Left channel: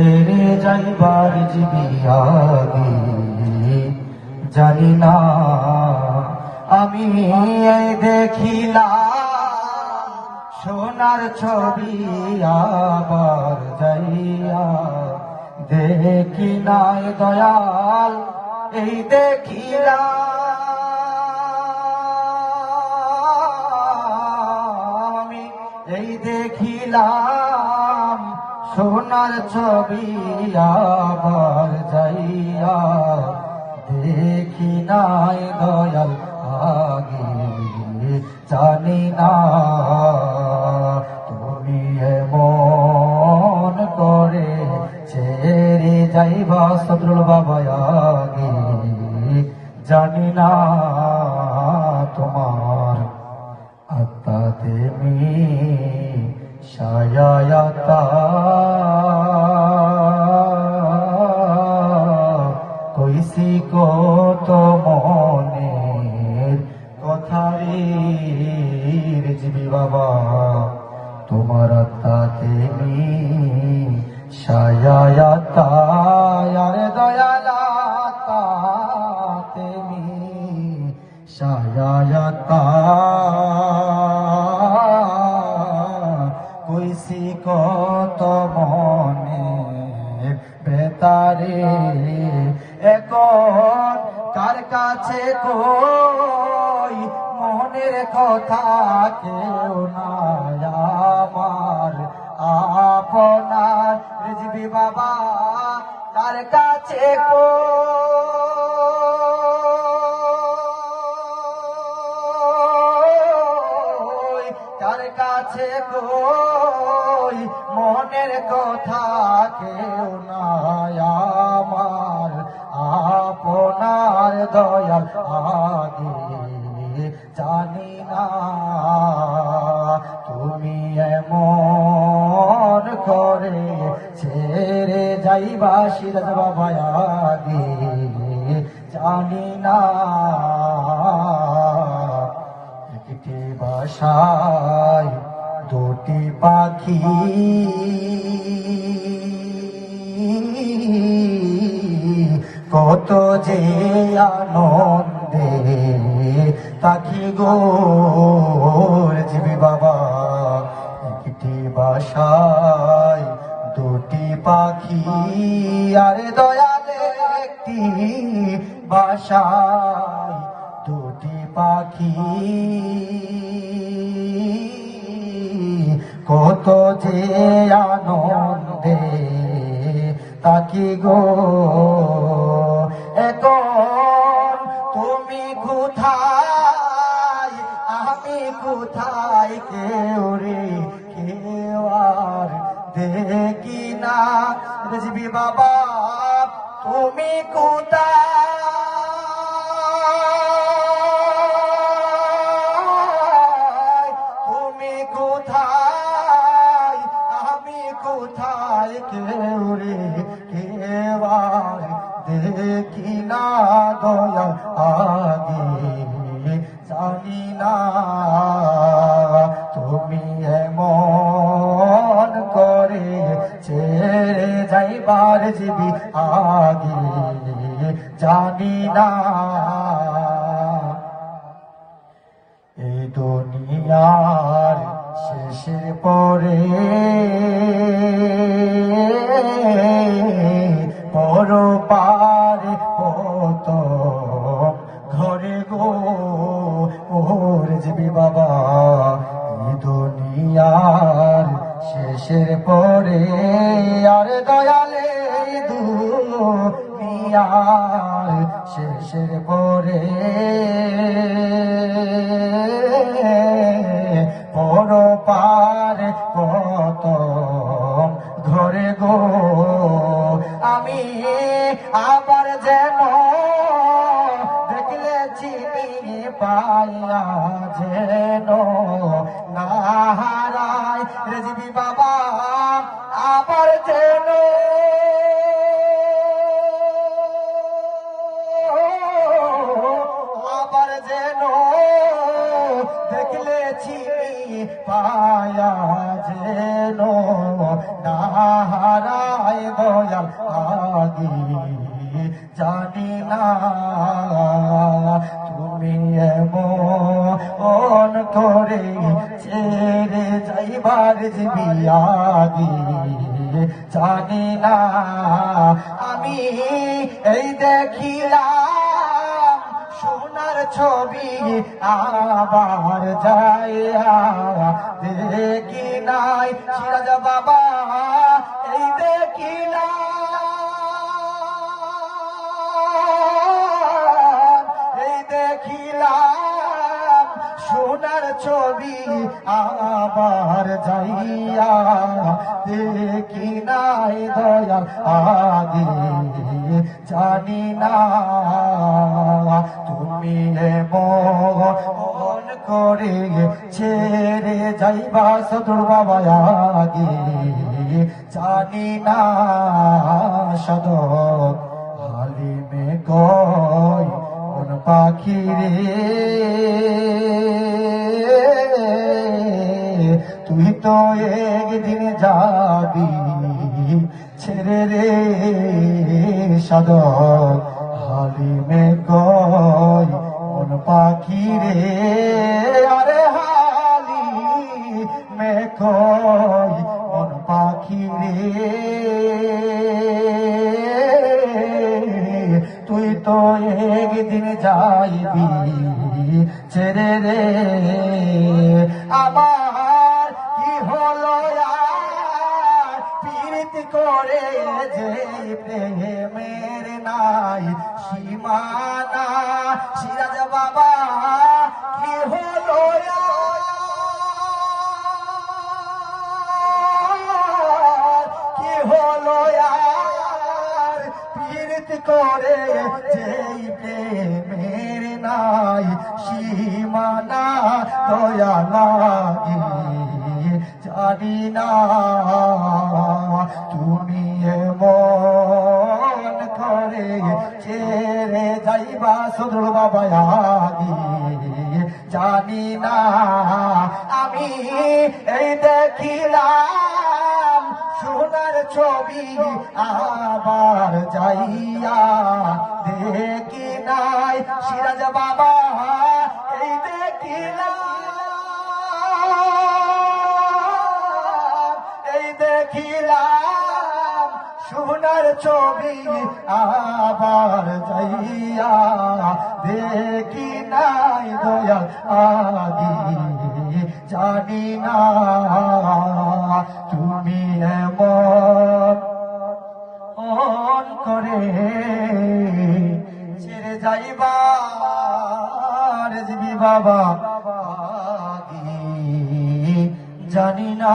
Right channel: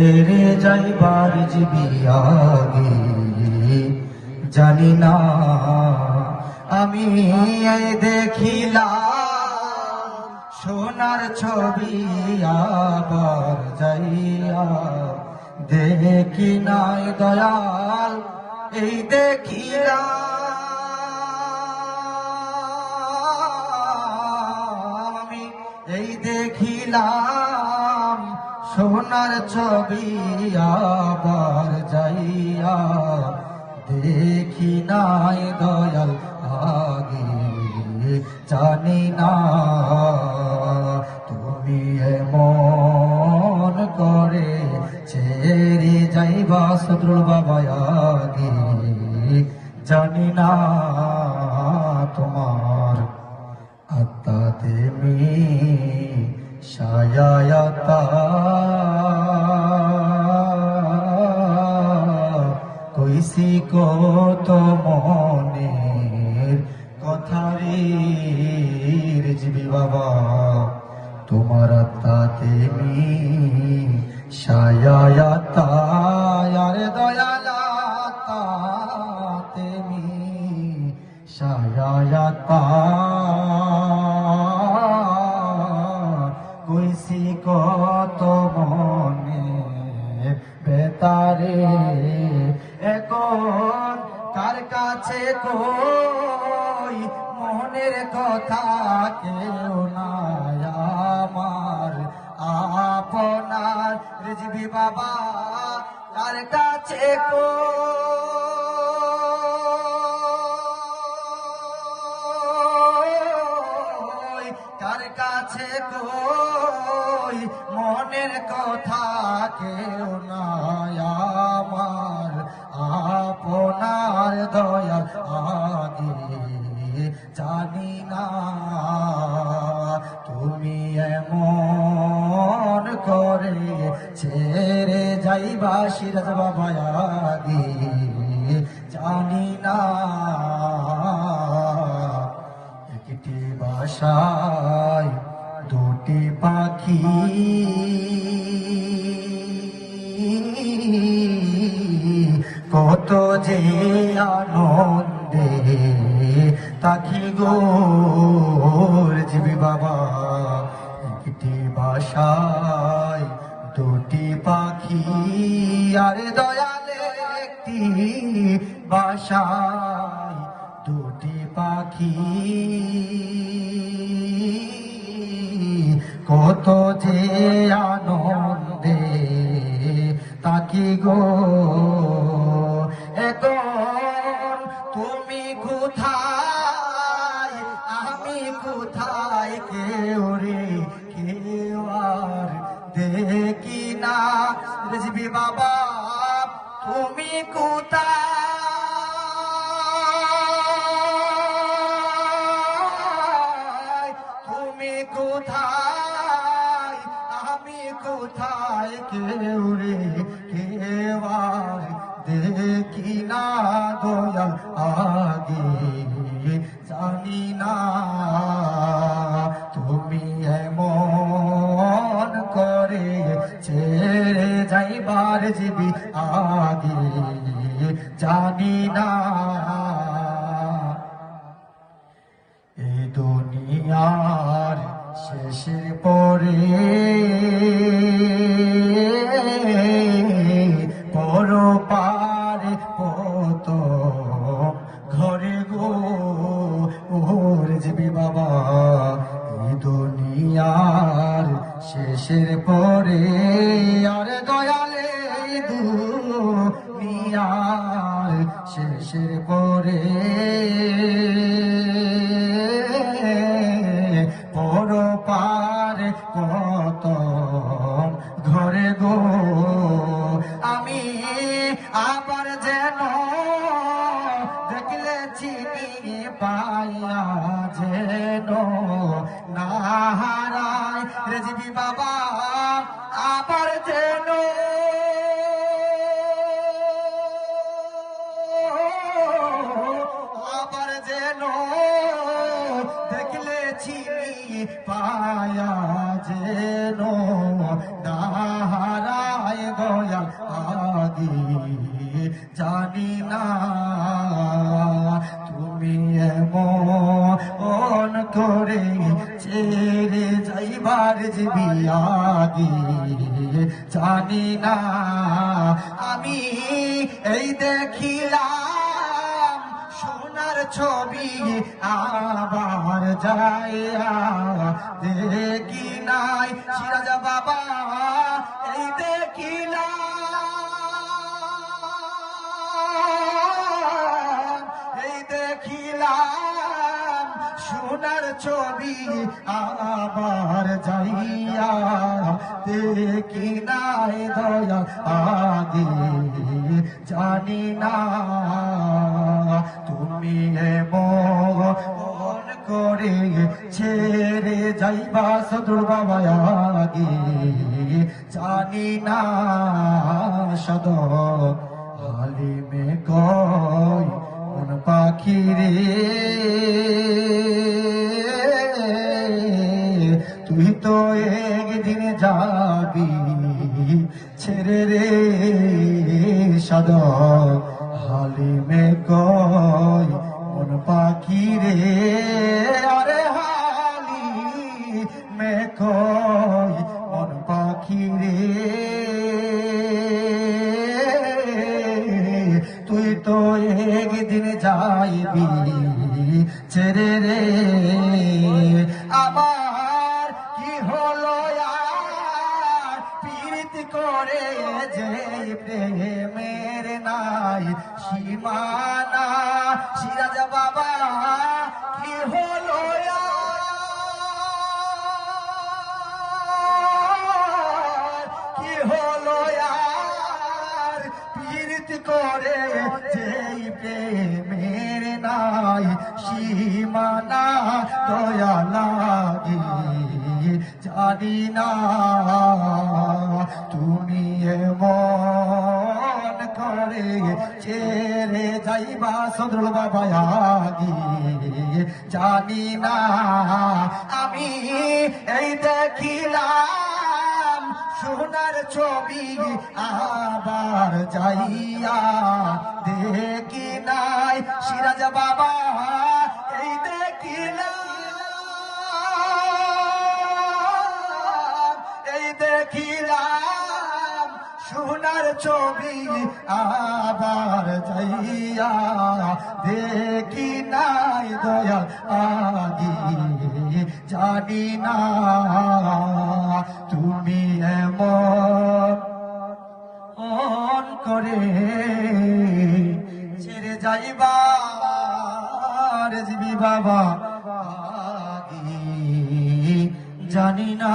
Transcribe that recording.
রে যাইবার জীবিয়াদি জানি না আমি দেখিলাম সোনার ছবি আবার যাইয়া দেখি নাই দয়াল এই দেখিলাম আমি এই দেখিলাম সোনার ছবি আবার যাইয়া দেখি নাই দয়াল আগে জানি না তুমি এমন করে ছেড়ে যাইবা সদরুল বাবা আগে জানি না তোমার আত্মা তেমি সায়াতা কইসি কত মনের কথা রে রিজবি বাবা তোমার আত্মা তেমি সায়াতা আরে দয়ালাতা তেমি সায়াতা কইসি কত মনে বেতারে এখন কার কাছে কই মনের কথা কেউ না আমার আপনার রিজবি বাবা কার কাছে কার কাছে কই মনের কথা কেউ নাই আমার আপনার দয়াল আগে জানি না তুমি এমন করে ছেড়ে যাইবা সিরাজ বাবা আগে জানি না একটি বাসায় দুটি পাখি কত যে আনন্দে পাখি গো রিজবি বাবা একটি বাসায় দুটি পাখি আরে দয়ালে একটি বাসায় দুটি পাখি কত যে আনন্দে পাখি গো এখন তুমি কোথায় আমি কোথায় কেউ রে কেউ আর দেখি না রিজবি বাবা তুমি কোথায় তুমি কোথায় আমি কোথায় কেউ রে কেউ আর দেখি না দয়াল আগে জানি না তুমি এমন করে ছেড়ে যাইবার জীবি আগে জানি না এই দুনিয়ার শেষের পরে পরপারে কত ঘরে গো রিজবি বাবা এই দুনিয়ার শেষের পরে আরে দয়ালে দুনিয়ার শেষের পরে পরপারে কত ঘরে গো আমি আবার যেন দেখলে চিনি পাইয়া যেন না হারাই রিজবি বাবা আবার যেন আবার যেন দেখলে চিনি পায়া যেন না হারাই গো দয়াল আগে জানি না তুমি এমন করে ছেড়ে যাইবার যাবি আগে জানি না আমি এই দেখিলাম সোনার ছবি আবার যাইয়া দেখি নাই সিরাজ বাবা এই দেখিলাম সোনার ছবি আবার যাইয়া দেখি নাই দয়া আগে জানি না তুমি মন করে ছেড়ে যাইবা সদর বাবা আগে জানি না সদর হালিমে কয় কোন পাখি রে তুই তো একদিন যাবি ছেড়ে রে সদর হালিমে কয় কোন পাখি রে আরে হালিমে কয় কোন পাখি রে তুই তো একদিন যাইবি ছেড়ে রে আমার কি হলো আর পীড়িত করে যে প্রেমের নাই সীমানা সিরাজ বাবা কি হলো কি হলো আর পীড়িত করে যেই প্রেমের নাই সীমানা দয়া লাগি জানি না তুমি মন করে ছেড়ে যাইবা সদর বাবা আগে জানি না আমি এই দেখিলাম সোনার ছবি আবার যাইয়া দেখি নাই সিরাজ বাবা এই দেখিলাম সোনার ছবি আবার যাইয়া দেখি নাই দয়া আগে জানি না তুমি এমন করে ছেড়ে যাইবার যাবি বাবা আগে জানি না